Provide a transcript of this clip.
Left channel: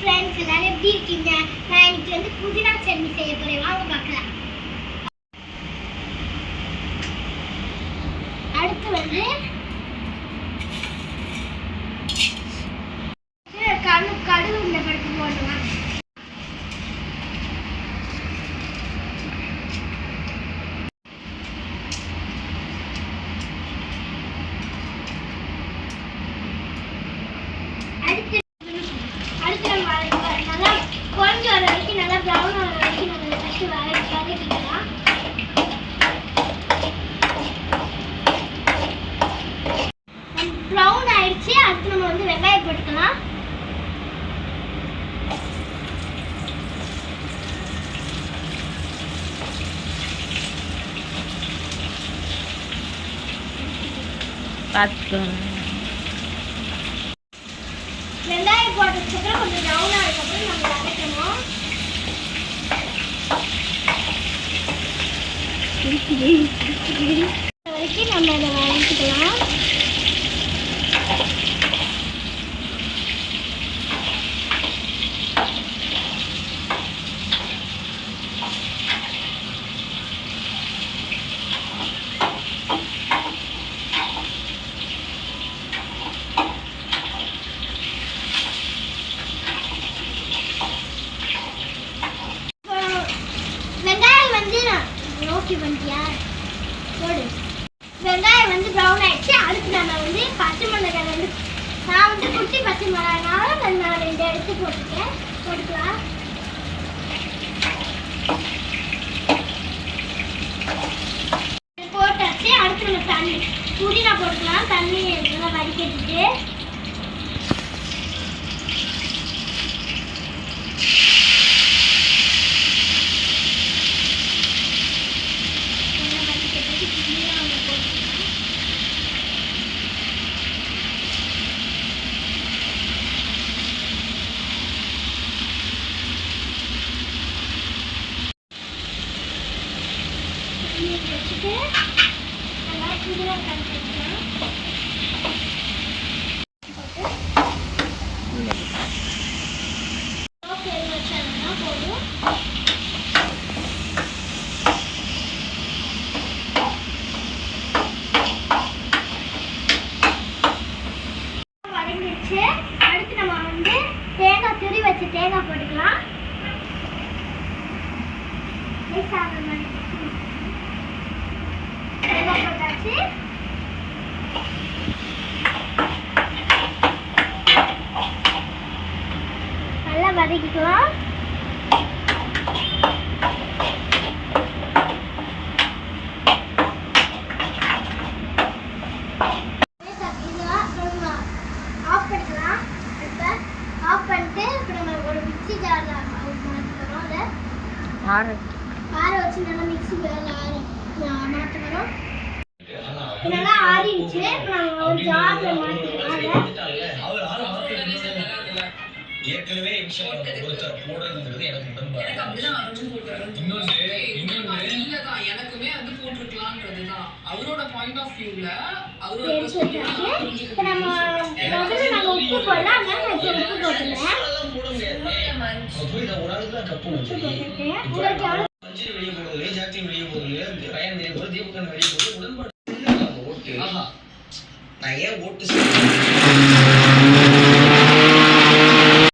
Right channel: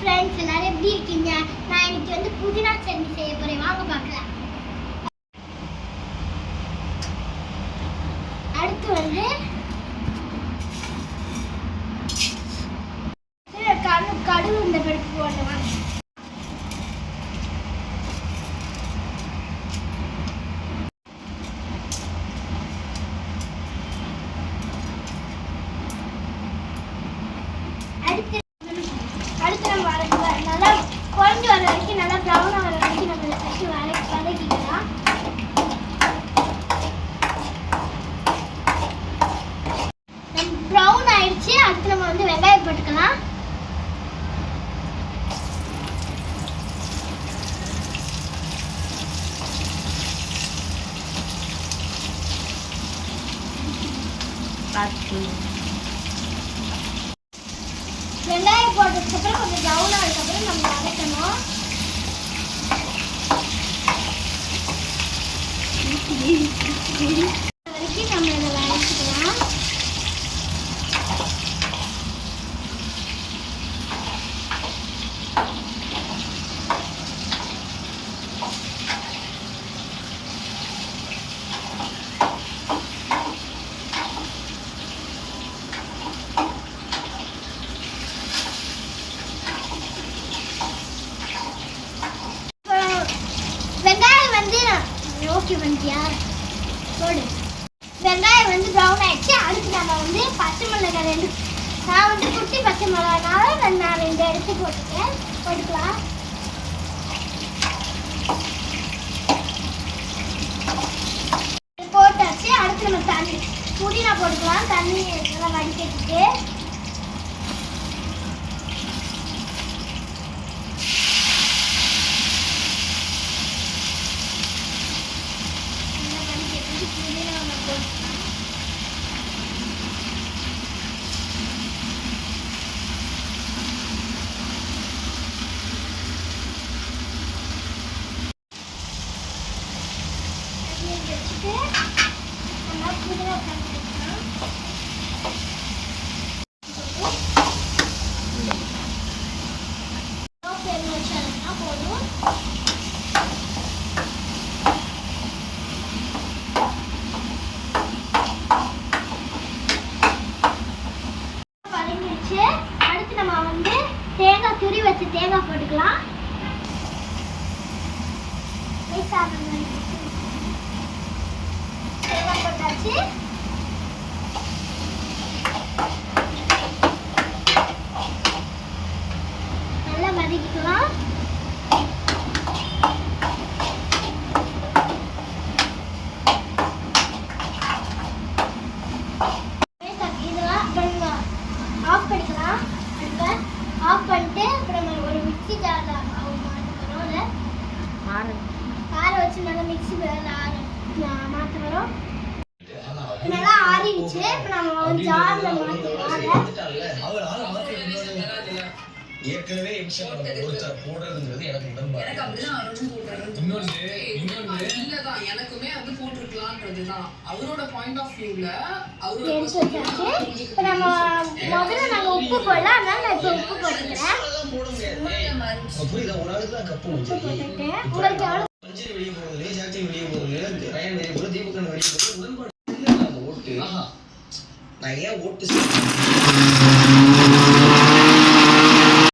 Friends எல்லாரும் எப்படி இருக்கீங்க? நான் இன்னைக்கு வந்து புதினா சட்னி செய்ய போறேன். வாங்க பார்க்கலாம். அடுத்து வந்து கடுகு இந்த பருப்பு போடலாம். அடுத்து நம்ம நல்லா குழஞ்சி வர வரைக்கும் நல்லா ப்ரௌன் ஆகிற வரைக்கும் நம்ம ஃபஸ்ட்டு வதக்கிக்கலாம். ப்ரௌன் ஆயிடுச்சு. அடுத்து நம்ம வந்து வெங்காயம் போட்டுக்கலாம். வெங்காயம் போட்டதுக்கப்புறம் கொஞ்சம் ப்ரௌன் ஆனதுக்கப்புறம் நம்ம வதக்கணும். வரைக்கும் நம்ம இதை வதக்கிக்கலாம். வெங்காயம் வந்து நோக்கி வந்துட்டியா போடு. வெங்காயம் வந்து ப்ரௌன் ஆயிடுச்சு. அடுத்து நம்ம வந்து பச்சை மிளகாய் ரெண்டு, நான் வந்து குட்டி பச்சை மிளகாய்னால நான் 2 எடுத்து போட்டுக்கலாம். போட்டாச்சு. அடுத்து நம்ம தண்ணி புதினா போட்டுக்கலாம். தண்ணி நல்லா வடிகட்டிட்டு நல்லா புதினா கட்டிக்கலாம். போதும். வதங்கிடுச்சு. அடுத்து நம்ம வந்து தேங்காய் துரி வச்சு தேங்காய் போட்டுக்கலாம். தேங்காய் போட்டாச்சு. நல்லா வதக்கிக்கலாம். ஆஃப் பண்ணிக்கலாம். இப்போ ஆஃப் பண்ணிட்டு அப்புறம் நம்ம ஒரு மிக்ஸி ஜாரில் ஆற வச்சு நல்லா மிக்ஸி மாற்ற வரோம். நல்லா ஆறிடுச்சு. இப்போ நம்ம ஒரு ஜாரில் மாற்றிக்கலாம். ஏற்கனவே போடுறதுங்கிறது எனக்கு உடம்பு எனக்குமே வந்து போட்டிருக்கலாம்ன்றதுதான் அவரோட பாயிண்ட் ஆஃப் வியூல அவரோட இப்போ நம்ம முதல்ல நாங்கள் உப்பு போடலாம். அதனால நான் இப்போ உப்பு போட்டுக்கிறேன். உங்களுக்கு பஞ்சரி வெளியே போடுறது, ஜாக்டின் வெளியே போடுறது, ரயன் வெளியே போடுறது, தீபகன் வெளியே போடுறது, உடன்பாடு ஓட்டு. நான் ஏன் ஓட்டு